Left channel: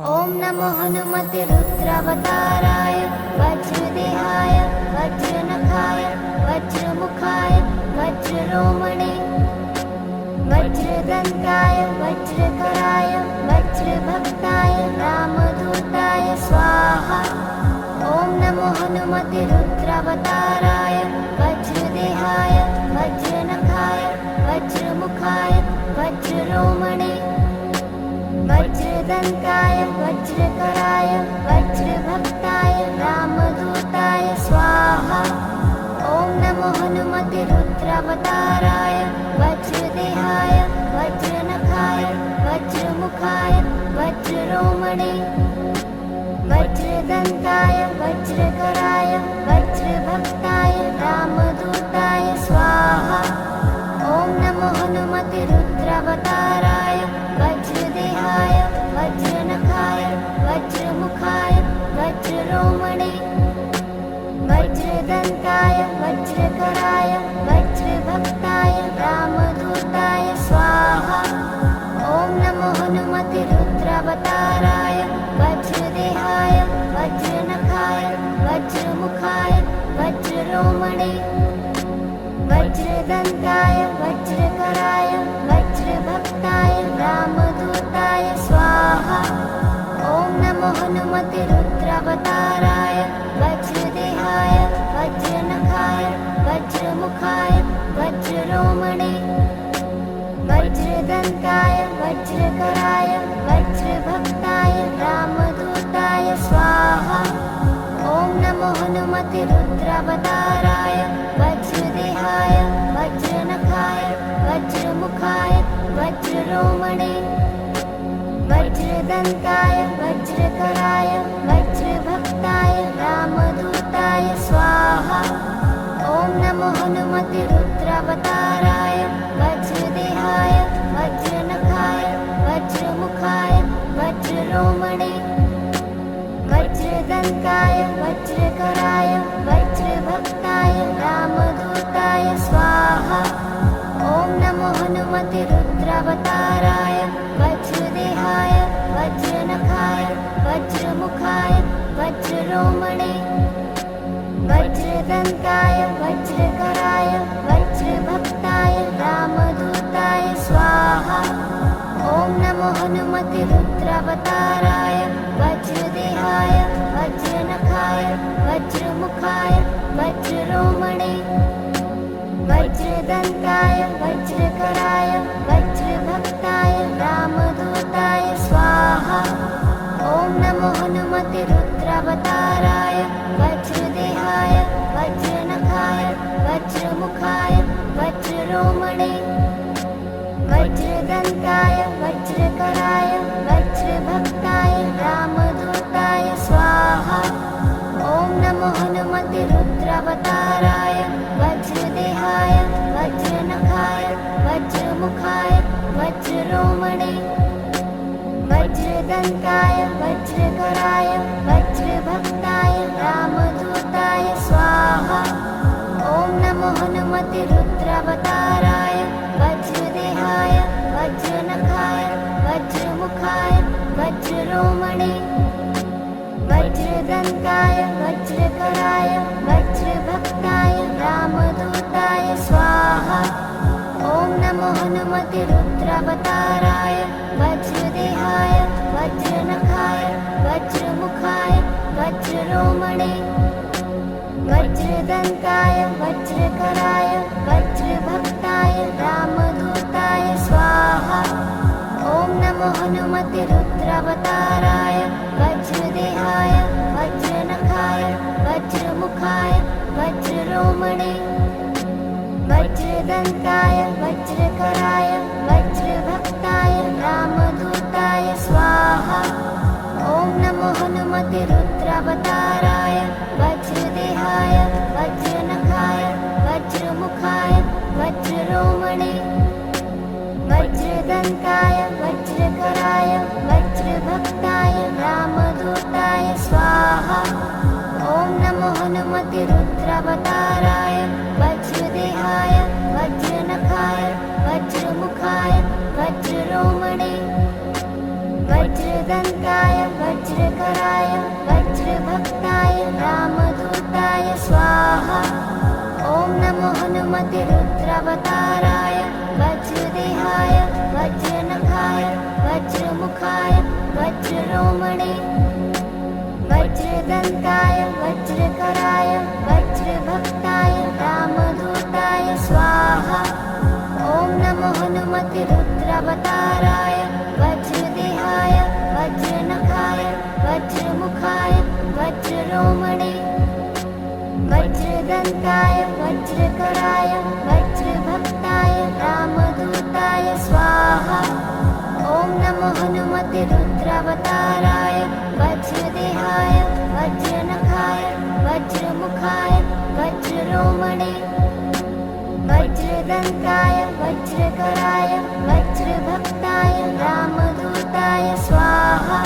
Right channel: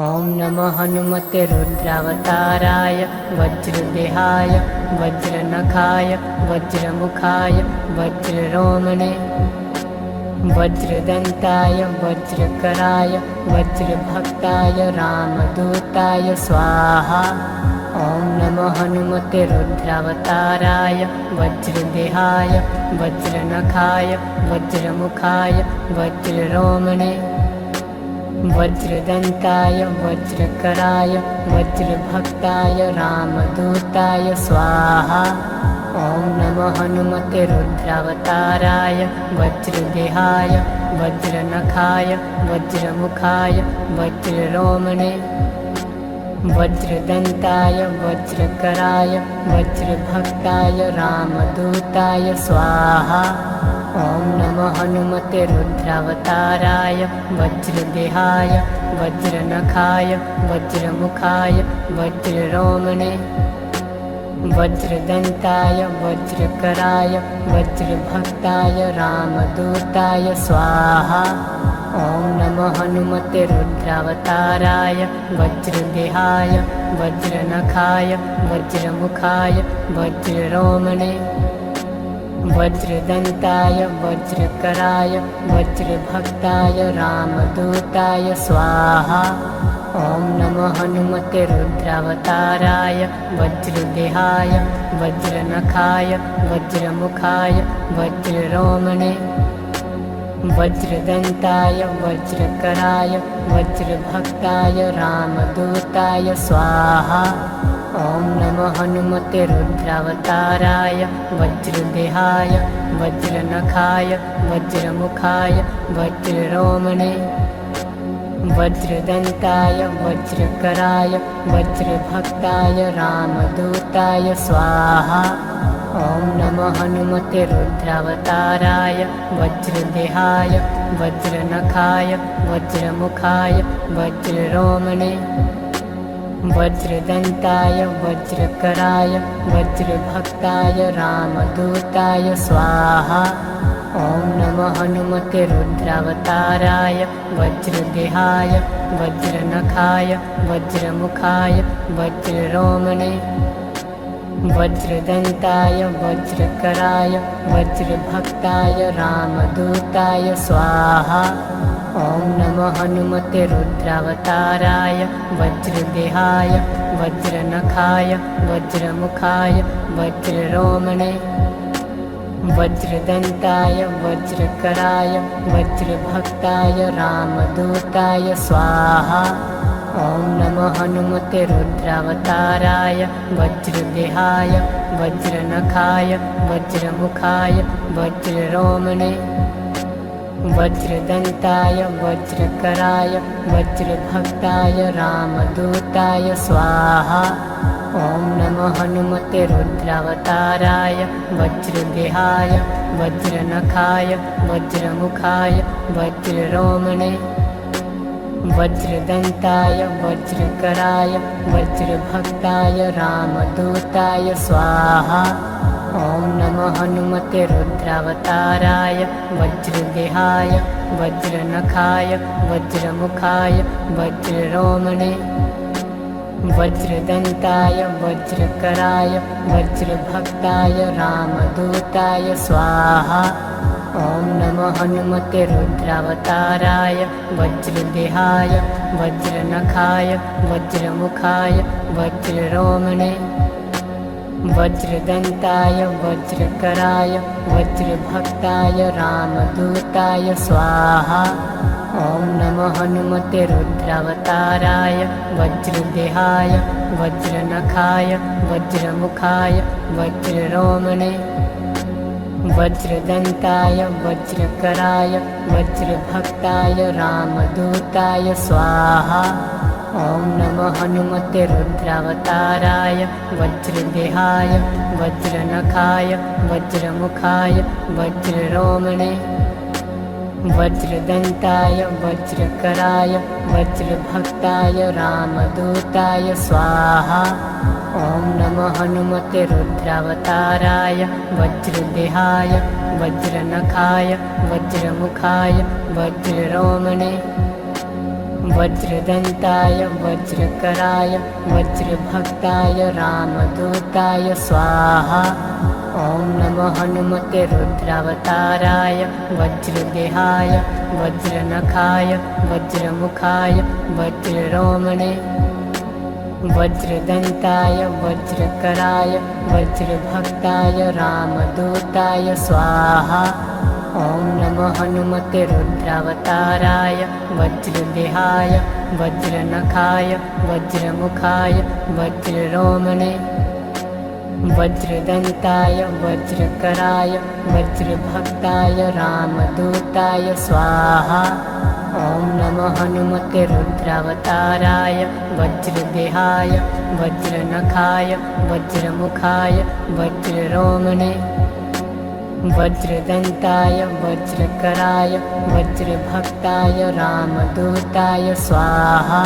ॐ नमो हनुमते रुद्रावताराय वज्रदेहाय वज्रनखाय वज्रमुखाय वज्ररोमणे वज्रदन्ताय वज्रकराय वज्रभक्ताय रामदूताय स्वाहा। ॐ नमो हनुमते रुद्रावताराय वज्रदेहाय वज्रनखाय वज्रमुखाय वज्ररोमणे वज्रदन्ताय वज्रकराय वज्रभक्ताय रामदूताय स्वाहा। ॐ नमो हनुमते रुद्रावताराय वज्रदेहाय वज्रनखाय वज्रमुखाय वज्ररोमणे वज्रदन्ताय वज्रकराय वज्रभक्ताय रामदूताय स्वाहा। ॐ नमो हनुमते रुद्रावताराय वज्रदेहाय वज्रनखाय वज्रमुखाय वज्ररोमणे वज्रदन्ताय वज्रकराय वज्रभक्ताय रामदूताय स्वाहा। ॐ नमो हनुमते रुद्रावताराय वज्रदेहाय वज्रनखाय वज्रमुखाय वज्ररोमणे वज्रदन्ताय वज्रकराय वज्रभक्ताय रामदूताय स्वाहा। ॐ नमो हनुमते रुद्रावताराय वज्रदेहाय वज्रनखाय वज्रमुखाय वज्ररोमणे वज्रदन्ताय वज्रकराय वज्रभक्ताय रामदूताय स्वाहा। ॐ नमो हनुमते रुद्रावताराय वज्रदेहाय वज्रनखाय वज्रमुखाय वज्ररोमणे वज्रदन्ताय वज्रकराय वज्रभक्ताय रामदूताय स्वाहा। ॐ नमो हनुमते रुद्रावताराय वज्रदेहाय वज्रनखाय वज्रमुखाय वज्ररोमणे वज्रदन्ताय वज्रकराय वज्रभक्ताय रामदूताय स्वाहा। ॐ नमो हनुमते रुद्रावताराय वज्रदेहाय वज्रनखाय वज्रमुखाय वज्ररोमणे वज्रदन्ताय वज्रकराय वज्रभक्ताय रामदूताय स्वाहा। ॐ नमो हनुमते रुद्रावताराय वज्रदेहाय वज्रनखाय वज्रमुखाय वज्ररोमणे वज्रदन्ताय वज्रकराय वज्रभक्ताय रामदूताय स्वाहा। ॐ नमो हनुमते रुद्रावताराय वज्रदेहाय वज्रनखाय वज्रमुखाय वज्ररोमणे वज्रदन्ताय वज्रकराय वज्रभक्ताय रामदूताय स्वाहा। ॐ नमो हनुमते रुद्रावताराय वज्रदेहाय वज्रनखाय वज्रमुखाय वज्ररोमणे वज्रदन्ताय वज्रकराय वज्रभक्ताय रामदूताय स्वाहा। ॐ नमो हनुमते रुद्रावताराय वज्रदेहाय वज्रनखाय वज्रमुखाय वज्ररोमणे वज्रदन्ताय वज्रकराय वज्रभक्ताय रामदूताय स्वाहा। ॐ नमो हनुमते रुद्रावताराय वज्रदेहाय वज्रनखाय वज्रमुखाय वज्ररोमणे वज्रदन्ताय वज्रकराय वज्रभक्ताय रामदूताय स्वाहा। ॐ नमो हनुमते रुद्रावताराय वज्रदेहाय वज्रनखाय वज्रमुखाय वज्ररोमणे वज्रदन्ताय वज्रकराय वज्रभक्ताय रामदूताय स्वाहा। ॐ नमो हनुमते रुद्रावताराय वज्रदेहाय वज्रनखाय वज्रमुखाय वज्ररोमणे वज्रदन्ताय वज्रकराय वज्रभक्ताय रामदूताय स्वाहा। ॐ नमो हनुमते रुद्रावताराय वज्रदेहाय वज्रनखाय वज्रमुखाय वज्ररोमणे वज्रदन्ताय वज्रकराय वज्रभक्ताय रामदूताय स्वाहा। ॐ नमो हनुमते रुद्रावताराय वज्रदेहाय वज्रनखाय वज्रमुखाय वज्ररोमणे वज्रदन्ताय वज्रकराय वज्रभक्ताय रामदूताय स्वाहा। ॐ नमो हनुमते रुद्रावताराय वज्रदेहाय वज्रनखाय वज्रमुखाय वज्ररोमणे वज्रदन्ताय वज्रकराय वज्रभक्ताय रामदूताय स्वाहा। ॐ नमो हनुमते रुद्रावताराय वज्रदेहाय वज्रनखाय वज्रमुखाय वज्ररोमणे वज्रदन्ताय वज्रकराय वज्रभक्ताय रामदूताय स्वाहा।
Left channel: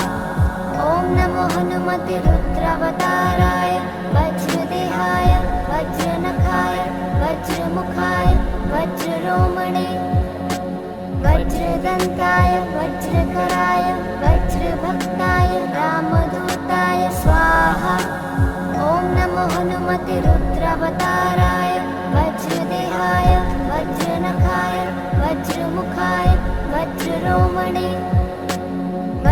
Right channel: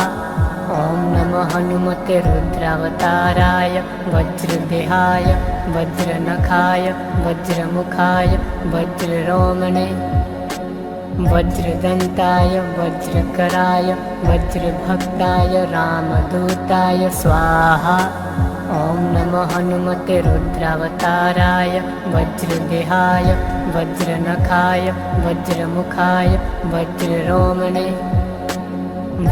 ॐ नमो हनुमते रुद्रावताराय वज्रदेहाय वज्रनखाय वज्रमुखाय वज्ररोमणे वज्रदन्ताय वज्रकराय वज्रभक्ताय रामदूताय स्वाहा। ॐ नमो हनुमते रुद्रावताराय वज्रदेहाय वज्रनखाय वज्रमुखाय वज्ररोमणे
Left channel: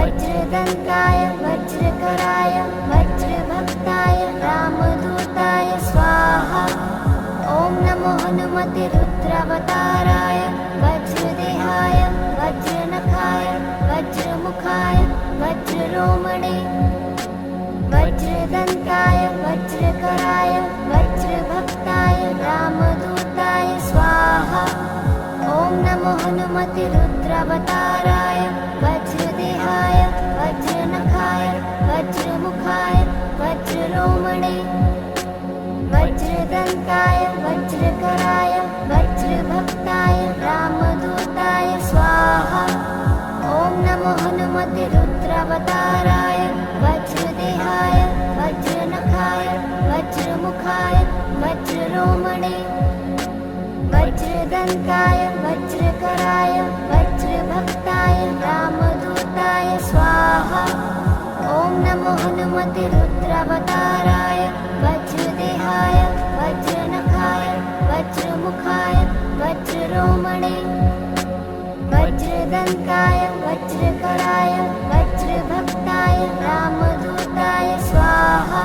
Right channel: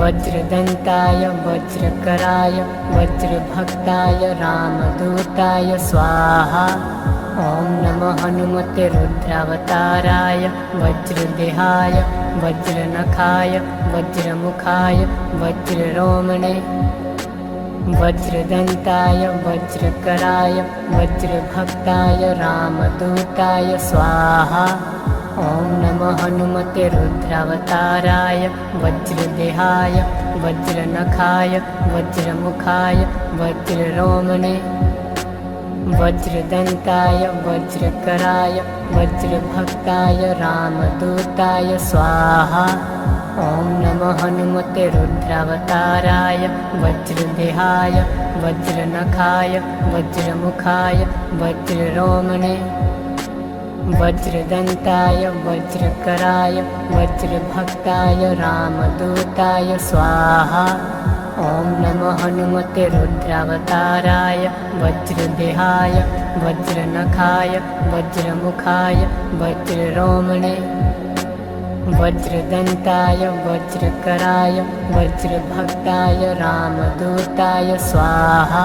वज्रदन्ताय वज्रकराय वज्रभक्ताय रामदूताय स्वाहा। ॐ नमो हनुमते रुद्रावताराय वज्रदेहाय वज्रनखाय वज्रमुखाय वज्ररोमणे वज्रदन्ताय वज्रकराय वज्रभक्ताय रामदूताय स्वाहा। ॐ नमो हनुमते रुद्रावताराय वज्रदेहाय वज्रनखाय वज्रमुखाय वज्ररोमणे वज्रदन्ताय वज्रकराय वज्रभक्ताय रामदूताय स्वाहा। ॐ नमो हनुमते रुद्रावताराय वज्रदेहाय वज्रनखाय वज्रमुखाय वज्ररोमणे वज्रदन्ताय वज्रकराय वज्रभक्ताय रामदूताय स्वाहा। ॐ नमो हनुमते रुद्रावताराय वज्रदेहाय वज्रनखाय वज्रमुखाय वज्ररोमणे वज्रदन्ताय वज्रकराय वज्रभक्ताय रामदूताय स्वाहा।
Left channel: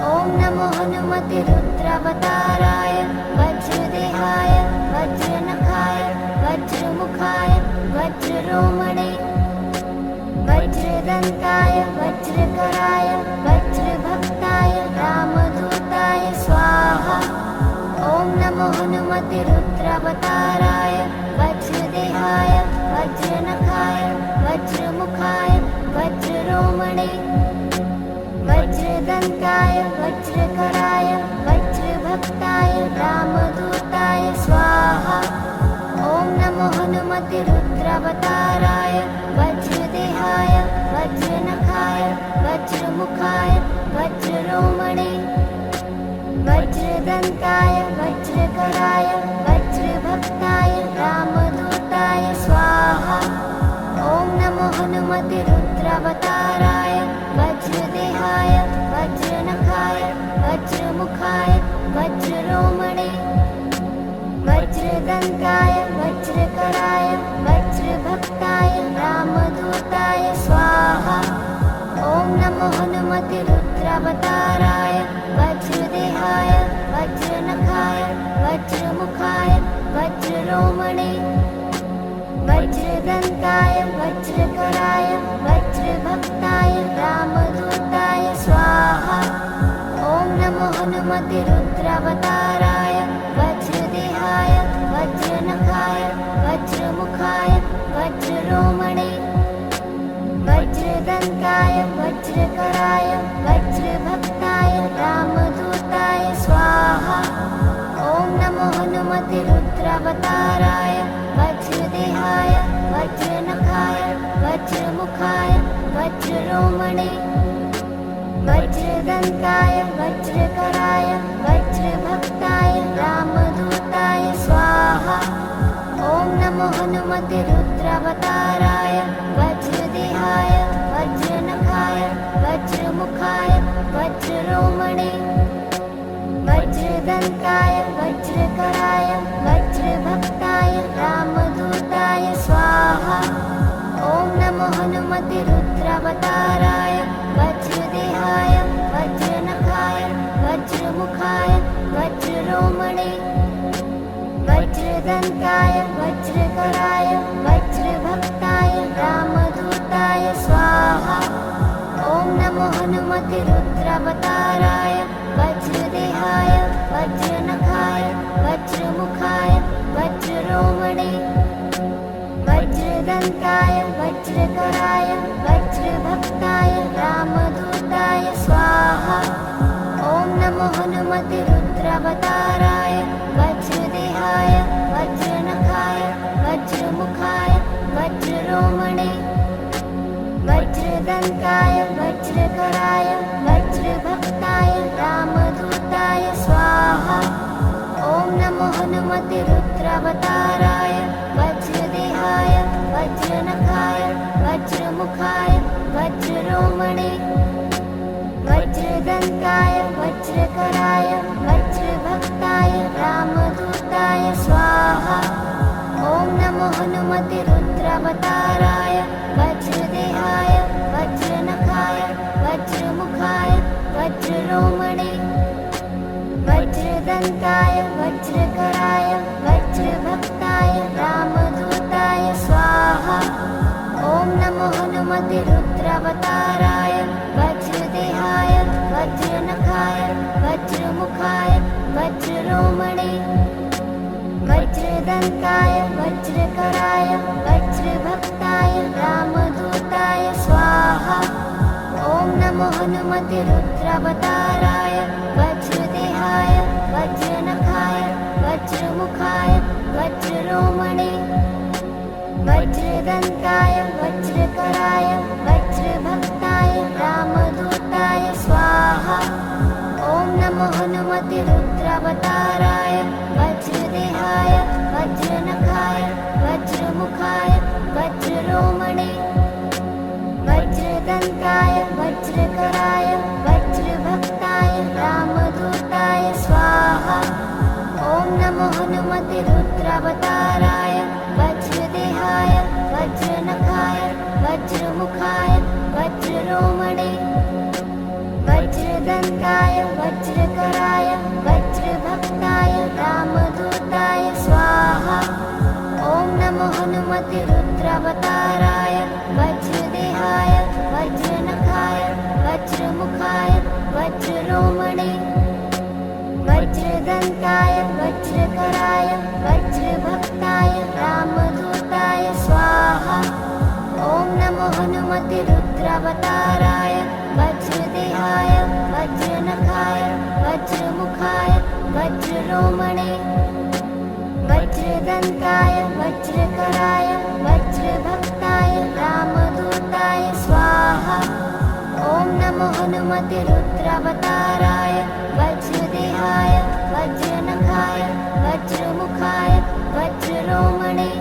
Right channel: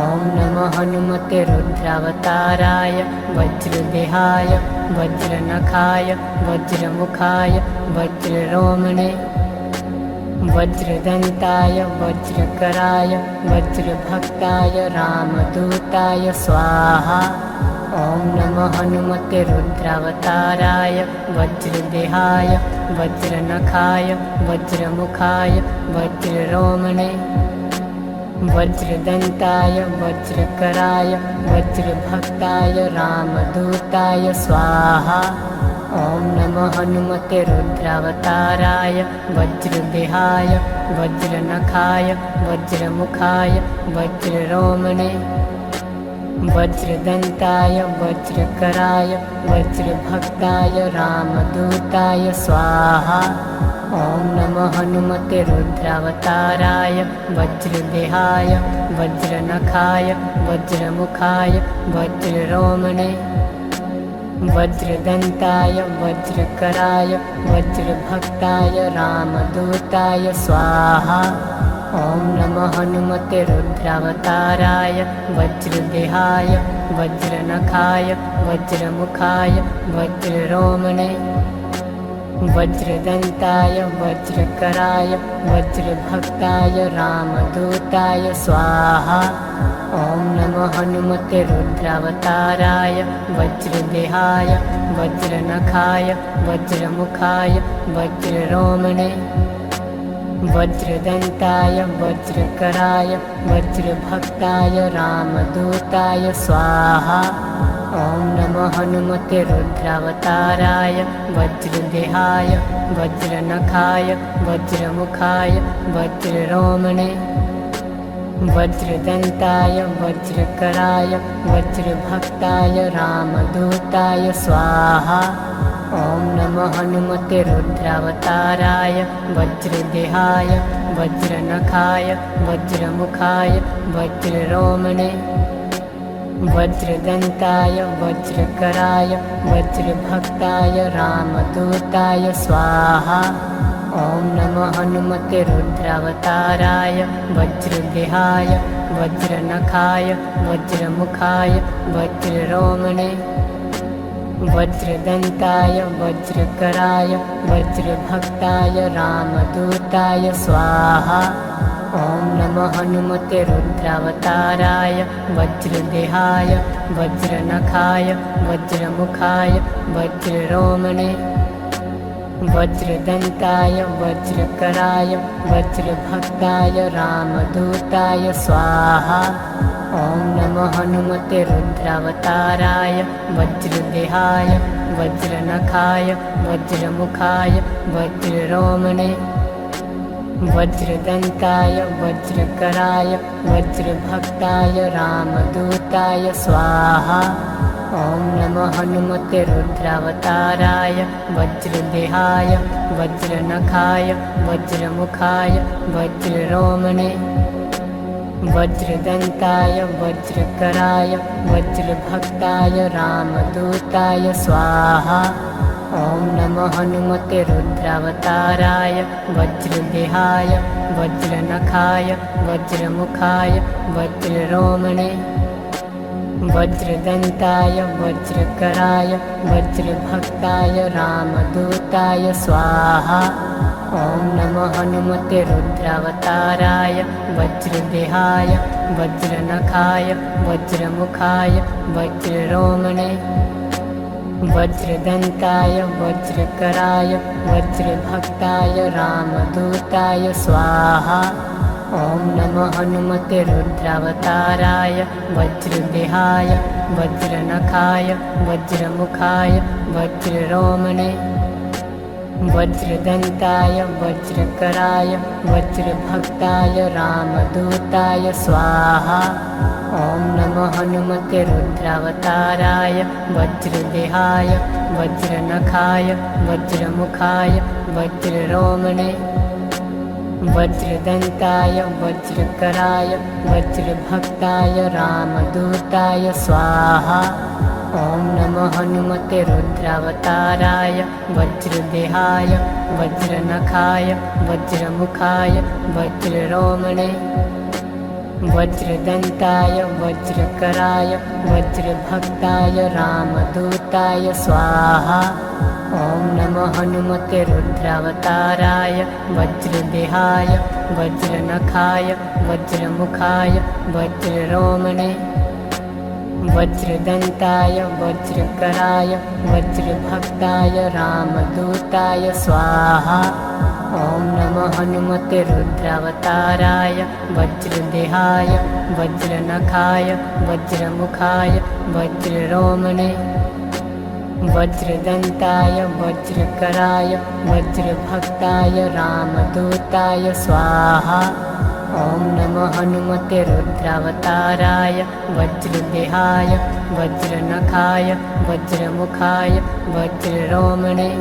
ॐ नमो हनुमते रुद्रावताराय वज्रदेहाय वज्रनखाय वज्रमुखाय वज्ररोमणे वज्रदन्ताय वज्रकराय वज्रभक्ताय रामदूताय स्वाहा। ॐ नमो हनुमते रुद्रावताराय वज्रदेहाय वज्रनखाय वज्रमुखाय वज्ररोमणे वज्रदन्ताय वज्रकराय वज्रभक्ताय रामदूताय स्वाहा। ॐ नमो हनुमते रुद्रावताराय वज्रदेहाय वज्रनखाय वज्रमुखाय वज्ररोमणे वज्रदन्ताय वज्रकराय वज्रभक्ताय रामदूताय स्वाहा। ॐ नमो हनुमते रुद्रावताराय वज्रदेहाय वज्रनखाय वज्रमुखाय वज्ररोमणे वज्रदन्ताय वज्रकराय वज्रभक्ताय रामदूताय स्वाहा। ॐ नमो हनुमते रुद्रावताराय वज्रदेहाय वज्रनखाय वज्रमुखाय वज्ररोमणे वज्रदन्ताय वज्रकराय वज्रभक्ताय रामदूताय स्वाहा। ॐ नमो हनुमते रुद्रावताराय वज्रदेहाय वज्रनखाय वज्रमुखाय वज्ररोमणे वज्रदन्ताय वज्रकराय वज्रभक्ताय रामदूताय स्वाहा। ॐ नमो हनुमते रुद्रावताराय वज्रदेहाय वज्रनखाय वज्रमुखाय वज्ररोमणे वज्रदन्ताय वज्रकराय वज्रभक्ताय रामदूताय स्वाहा। ॐ ॐ नमो हनुमते रुद्रावताराय वज्रदेहाय वज्रनखाय वज्रमुखाय वज्ररोमणे वज्रदन्ताय वज्रकराय वज्रभक्ताय रामदूताय स्वाहा। ॐ नमो हनुमते रुद्रावताराय वज्रदेहाय वज्रनखाय वज्रमुखाय वज्ररोमणे वज्रदन्ताय वज्रकराय वज्रभक्ताय रामदूताय स्वाहा। ॐ नमो हनुमते रुद्रावताराय वज्रदेहाय वज्रनखाय वज्रमुखाय वज्ररोमणे वज्रदन्ताय वज्रकराय वज्रभक्ताय रामदूताय स्वाहा। ॐ नमो हनुमते रुद्रावताराय वज्रदेहाय वज्रनखाय वज्रमुखाय वज्ररोमणे वज्रदन्ताय वज्रकराय वज्रभक्ताय रामदूताय स्वाहा। ॐ नमो हनुमते रुद्रावताराय वज्रदेहाय वज्रनखाय वज्रमुखाय वज्ररोमणे वज्रदन्ताय वज्रकराय वज्रभक्ताय रामदूताय स्वाहा। ॐ नमो हनुमते रुद्रावताराय वज्रदेहाय वज्रनखाय वज्रमुखाय वज्ररोमणे वज्रदन्ताय वज्रकराय वज्रभक्ताय रामदूताय स्वाहा। ॐ नमो हनुमते रुद्रावताराय वज्रदेहाय वज्रनखाय वज्रमुखाय वज्ररोमणे वज्रदन्ताय वज्रकराय वज्रभक्ताय रामदूताय स्वाहा। ॐ नमो हनुमते रुद्रावताराय वज्रदेहाय वज्रनखाय वज्रमुखाय वज्ररोमणे वज्रदन्ताय वज्रकराय वज्रभक्ताय रामदूताय स्वाहा। ॐ नमो हनुमते रुद्रावताराय वज्रदेहाय वज्रनखाय वज्रमुखाय वज्ररोमणे वज्रदन्ताय वज्रकराय वज्रभक्ताय रामदूताय स्वाहा। ॐ नमो हनुमते रुद्रावताराय वज्रदेहाय वज्रनखाय वज्रमुखाय वज्ररोमणे वज्रदन्ताय वज्रकराय वज्रभक्ताय रामदूताय स्वाहा। ॐ नमो हनुमते रुद्रावताराय वज्रदेहाय वज्रनखाय वज्रमुखाय वज्ररोमणे वज्रदन्ताय वज्रकराय वज्रभक्ताय रामदूताय स्वाहा। ॐ नमो हनुमते रुद्रावताराय वज्रदेहाय वज्रनखाय वज्रमुखाय वज्ररोमणे वज्रदन्ताय वज्रकराय वज्रभक्ताय रामदूताय स्वाहा। ॐ नमो हनुमते रुद्रावताराय वज्रदेहाय वज्रनखाय वज्रमुखाय वज्ररोमणे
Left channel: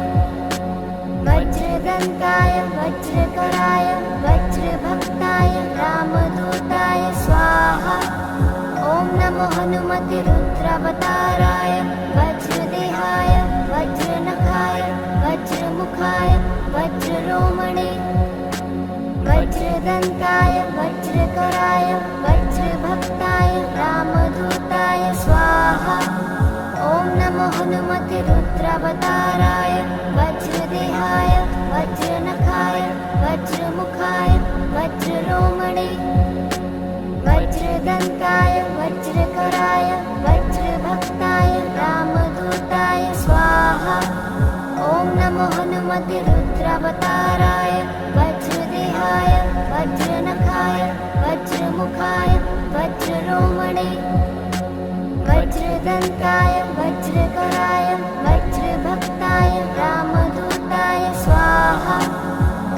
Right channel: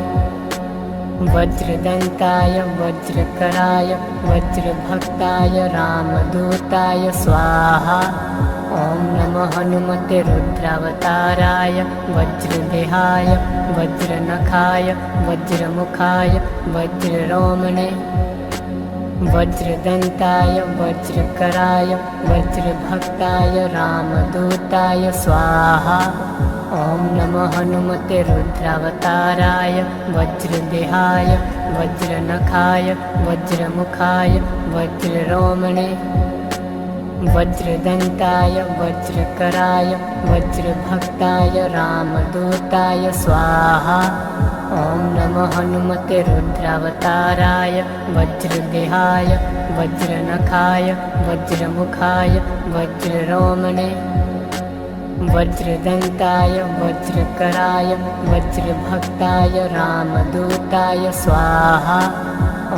वज्रदन्ताय वज्रकराय वज्रभक्ताय रामदूताय स्वाहा। ॐ नमो हनुमते रुद्रावताराय वज्रदेहाय वज्रनखाय वज्रमुखाय वज्ररोमणे वज्रदन्ताय वज्रकराय वज्रभक्ताय रामदूताय स्वाहा। ॐ नमो हनुमते रुद्रावताराय वज्रदेहाय वज्रनखाय वज्रमुखाय वज्ररोमणे वज्रदन्ताय वज्रकराय वज्रभक्ताय रामदूताय स्वाहा। ॐ नमो हनुमते रुद्रावताराय वज्रदेहाय वज्रनखाय वज्रमुखाय वज्ररोमणे वज्रदन्ताय वज्रकराय वज्रभक्ताय रामदूताय स्वाहा।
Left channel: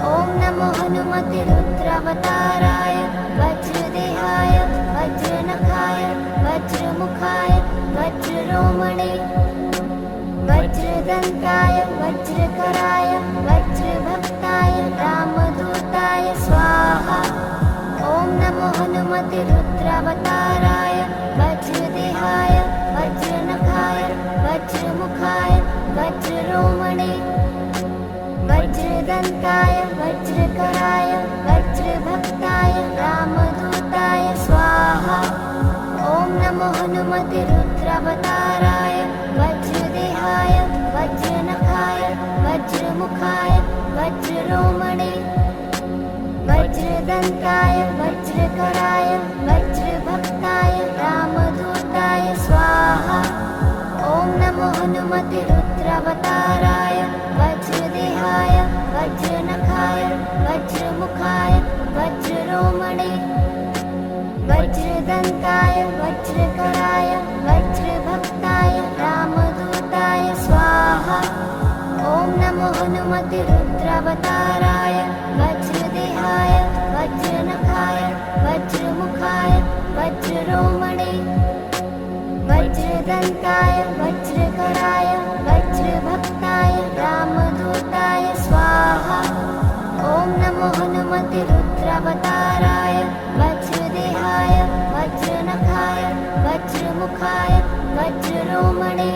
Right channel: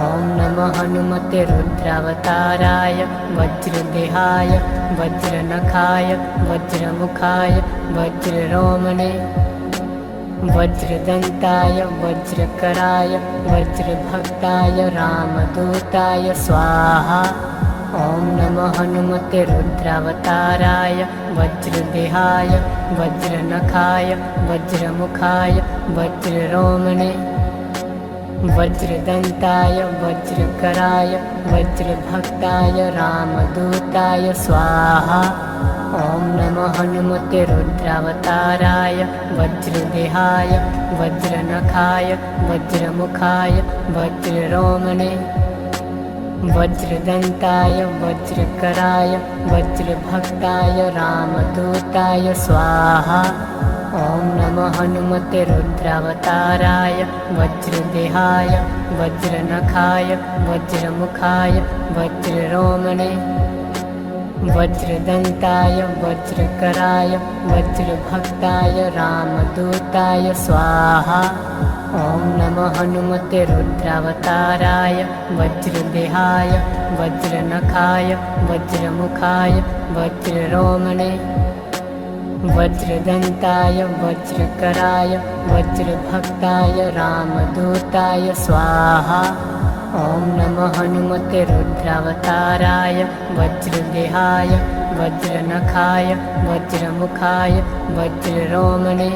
ॐ नमो हनुमते रुद्रावताराय वज्रदेहाय वज्रनखाय वज्रमुखाय वज्ररोमणे वज्रदन्ताय वज्रकराय वज्रभक्ताय रामदूताय स्वाहा। ॐ नमो हनुमते रुद्रावताराय वज्रदेहाय वज्रनखाय वज्रमुखाय वज्ररोमणे वज्रदन्ताय वज्रकराय वज्रभक्ताय रामदूताय स्वाहा। ॐ नमो हनुमते रुद्रावताराय वज्रदेहाय वज्रनखाय वज्रमुखाय वज्ररोमणे वज्रदन्ताय वज्रकराय वज्रभक्ताय रामदूताय स्वाहा। ॐ नमो हनुमते रुद्रावताराय वज्रदेहाय वज्रनखाय वज्रमुखाय वज्ररोमणे वज्रदन्ताय वज्रकराय वज्रभक्ताय रामदूताय स्वाहा। ॐ नमो हनुमते रुद्रावताराय वज्रदेहाय वज्रनखाय वज्रमुखाय वज्ररोमणे वज्रदन्ताय वज्रकराय वज्रभक्ताय रामदूताय स्वाहा। ॐ नमो हनुमते रुद्रावताराय वज्रदेहाय वज्रनखाय वज्रमुखाय वज्ररोमणे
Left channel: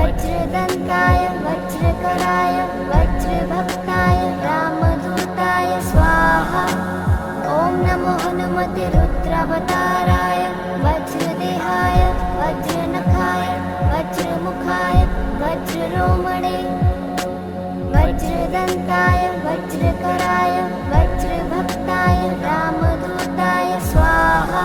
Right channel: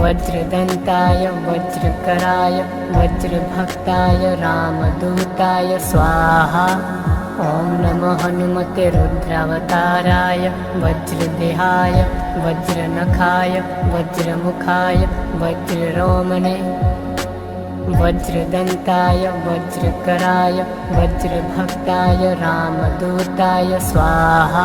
वज्रदन्ताय वज्रकराय वज्रभक्ताय रामदूताय स्वाहा। ॐ नमो हनुमते रुद्रावताराय वज्रदेहाय वज्रनखाय वज्रमुखाय वज्ररोमणे वज्रदन्ताय वज्रकराय वज्रभक्ताय रामदूताय स्वाहा।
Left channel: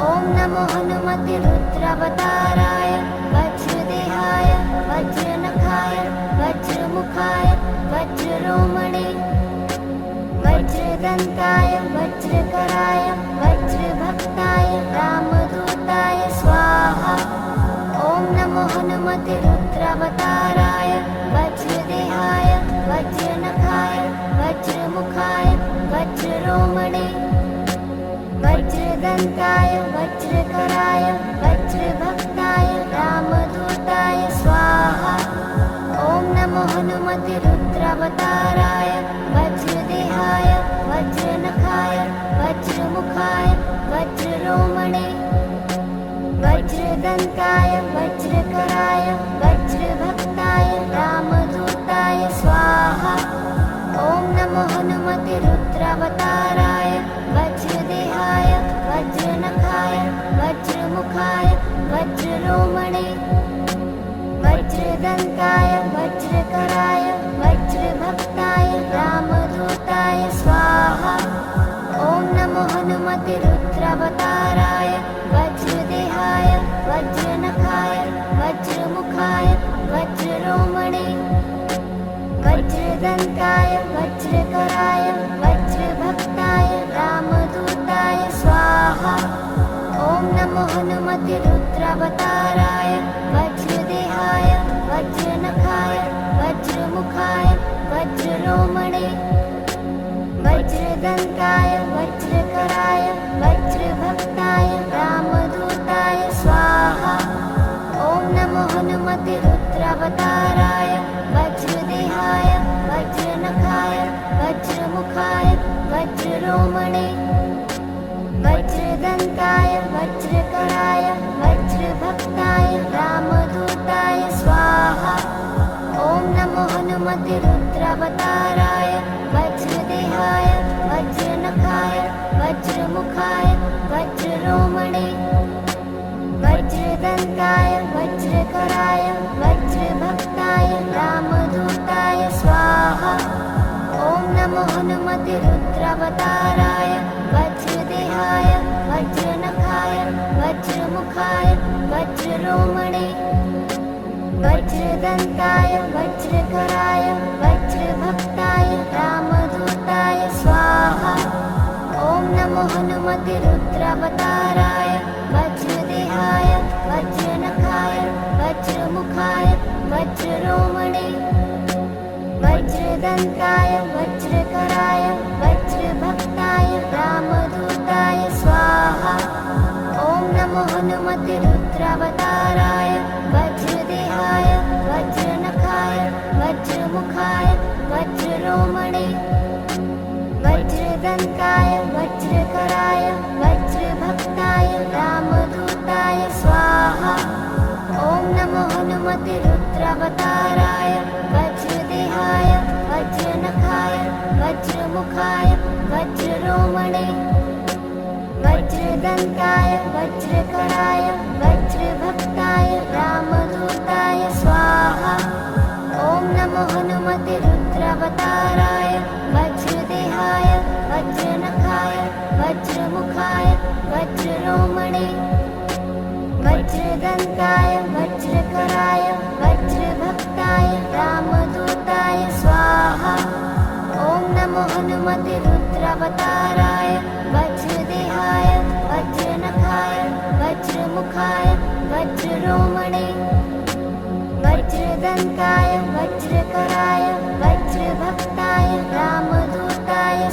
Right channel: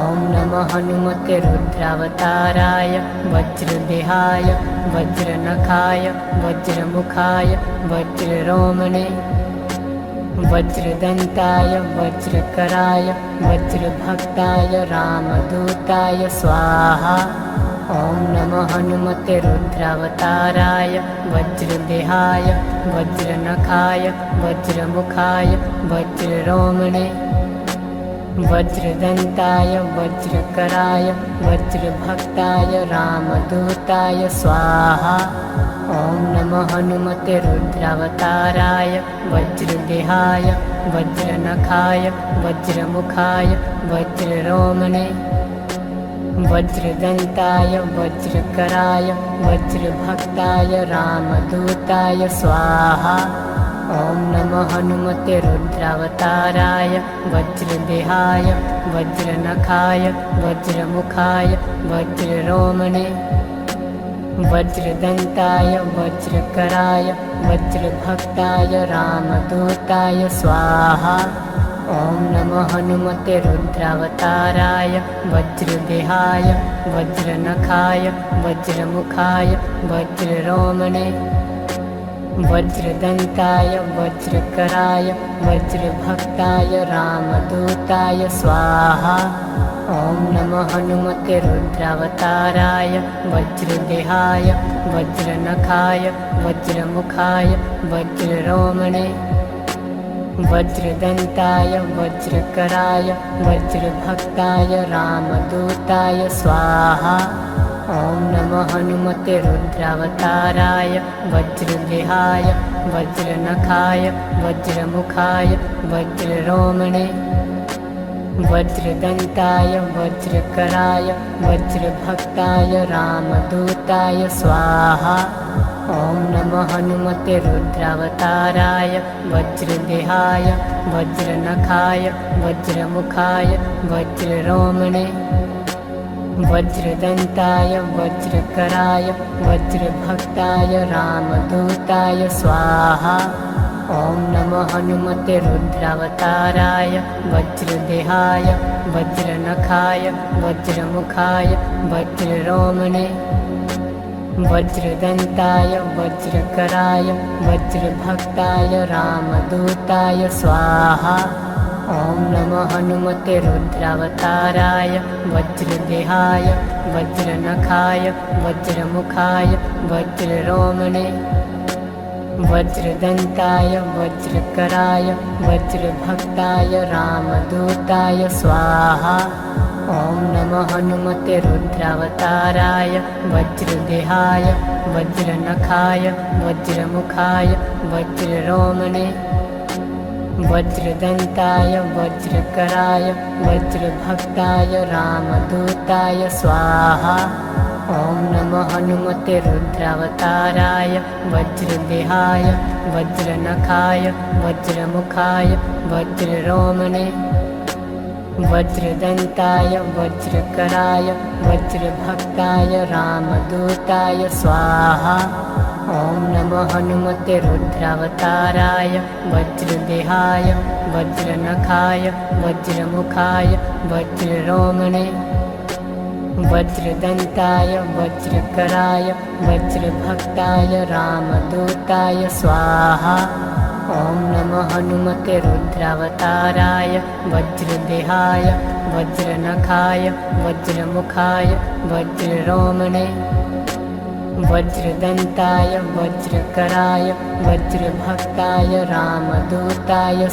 ॐ नमो हनुमते रुद्रावताराय वज्रदेहाय वज्रनखाय वज्रमुखाय वज्ररोमणे वज्रदन्ताय वज्रकराय वज्रभक्ताय रामदूताय स्वाहा। ॐ नमो हनुमते रुद्रावताराय वज्रदेहाय वज्रनखाय वज्रमुखाय वज्ररोमणे वज्रदन्ताय वज्रकराय वज्रभक्ताय रामदूताय स्वाहा। ॐ नमो हनुमते रुद्रावताराय वज्रदेहाय वज्रनखाय वज्रमुखाय वज्ररोमणे वज्रदन्ताय वज्रकराय वज्रभक्ताय रामदूताय स्वाहा। ॐ नमो हनुमते रुद्रावताराय वज्रदेहाय वज्रनखाय वज्रमुखाय वज्ररोमणे वज्रदन्ताय वज्रकराय वज्रभक्ताय रामदूताय स्वाहा। ॐ नमो हनुमते रुद्रावताराय वज्रदेहाय वज्रनखाय वज्रमुखाय वज्ररोमणे वज्रदन्ताय वज्रकराय वज्रभक्ताय रामदूताय स्वाहा। ॐ नमो हनुमते रुद्रावताराय वज्रदेहाय वज्रनखाय वज्रमुखाय वज्ररोमणे वज्रदन्ताय वज्रकराय वज्रभक्ताय रामदूताय स्वाहा। ॐ नमो हनुमते रुद्रावताराय वज्रदेहाय वज्रनखाय वज्रमुखाय वज्ररोमणे वज्रदन्ताय वज्रकराय वज्रभक्ताय रामदूताय स्वाहा। ॐ नमो हनुमते रुद्रावताराय वज्रदेहाय वज्रनखाय वज्रमुखाय वज्ररोमणे वज्रदन्ताय वज्रकराय वज्रभक्ताय रामदूताय स्वाहा। ॐ नमो हनुमते रुद्रावताराय वज्रदेहाय वज्रनखाय वज्रमुखाय वज्ररोमणे वज्रदन्ताय वज्रकराय वज्रभक्ताय रामदूताय स्वाहा। ॐ नमो हनुमते रुद्रावताराय वज्रदेहाय वज्रनखाय वज्रमुखाय वज्ररोमणे वज्रदन्ताय वज्रकराय वज्रभक्ताय रामदूताय स्वाहा। ॐ ॐ नमो हनुमते रुद्रावताराय वज्रदेहाय वज्रनखाय वज्रमुखाय वज्ररोमणे वज्रदन्ताय वज्रकराय वज्रभक्ताय रामदूताय स्वाहा ॐ नमो हनुमते रुद्रावताराय वज्रदेहाय वज्रनखाय वज्रमुखाय वज्ररोमणे वज्रदन्ताय वज्रकराय वज्रभक्ताय रामदूताय स्वाहा ॐ नमो हनुमते रुद्रावताराय वज्रदेहाय वज्रनखाय वज्रमुखाय वज्ररोमणे वज्रदन्ताय वज्रकराय वज्रभक्ताय रामदूताय स्वाहा ॐ नमो हनुमते रुद्रावताराय वज्रदेहाय वज्रनखाय वज्रमुखाय वज्ररोमणे वज्रदन्ताय वज्रकराय वज्रभक्ताय रामदूताय